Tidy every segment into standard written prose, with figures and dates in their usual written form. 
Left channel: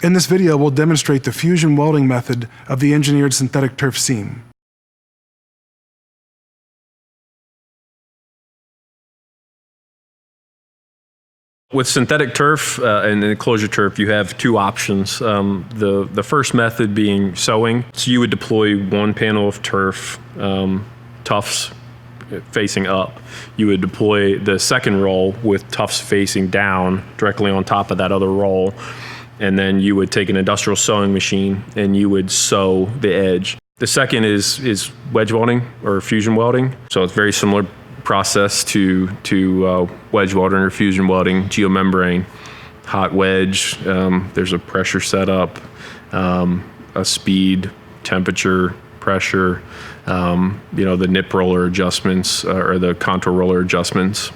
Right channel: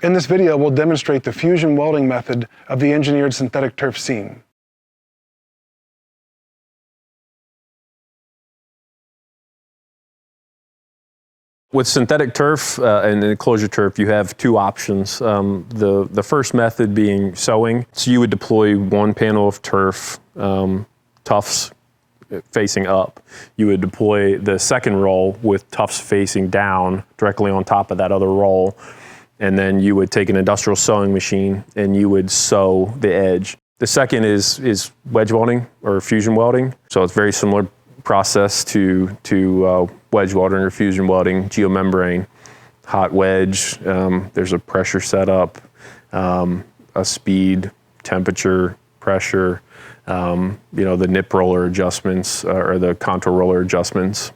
In this video, we'll demonstrate the fusion welding method of the engineered synthetic turf seam. With synthetic turf and enclosure turf, you have two options. The first method being sewing. So you would deploy one panel of turf, tufts facing up. You would deploy the second roll with tufts facing down directly on top of that other roll. And then you would take an industrial sewing machine and you would sew the edge. The second is wedge welding or fusion welding. So it's very similar process to wedge welding or fusion welding, geomembrane, hot wedge. There's a pressure setup, a speed, temperature, pressure, the nip roller adjustments or the contour roller adjustments.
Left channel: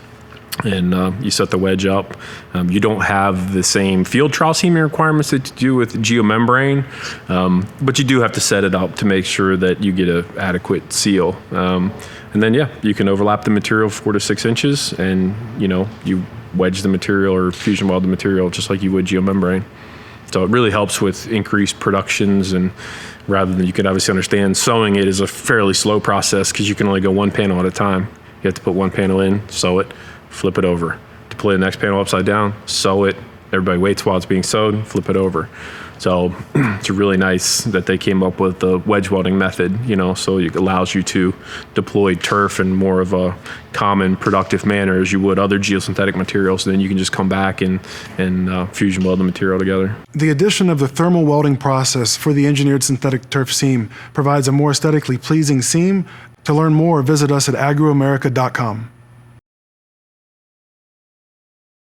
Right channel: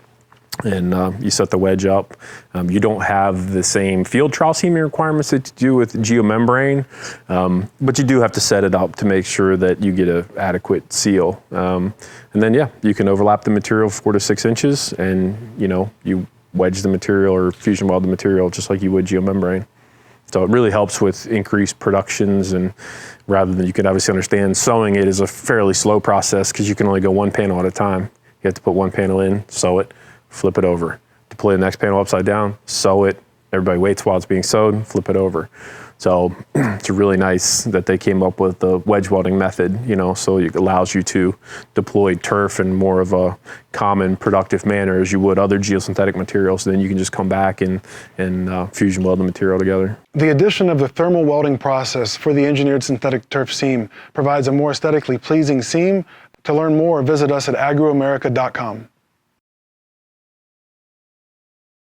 And you set the wedge up. You don't have the same field trowel seaming requirements that you do with geomembrane, but you do have to set it up to make sure that you get an adequate seal. And then, you can overlap the material 4 to 6 inches, and you wedge the material or fusion weld the material just like you would geomembrane. So it really helps with increased productions, and rather than, you can obviously understand sewing it is a fairly slow process because you can only go one panel at a time. You have to put one panel in, sew it, flip it over, deploy the next panel upside down, sew it, everybody waits while it's being sewed, flip it over. So it's really nice that they came up with the wedge welding method, so it allows you to deploy turf in more of a common productive manner as you would other geosynthetic materials. Then you can just come back and fusion weld the material together. The addition of the thermal welding process for the engineered synthetic turf seam provides a more aesthetically pleasing seam. To learn more, visit us at agroamerica.com.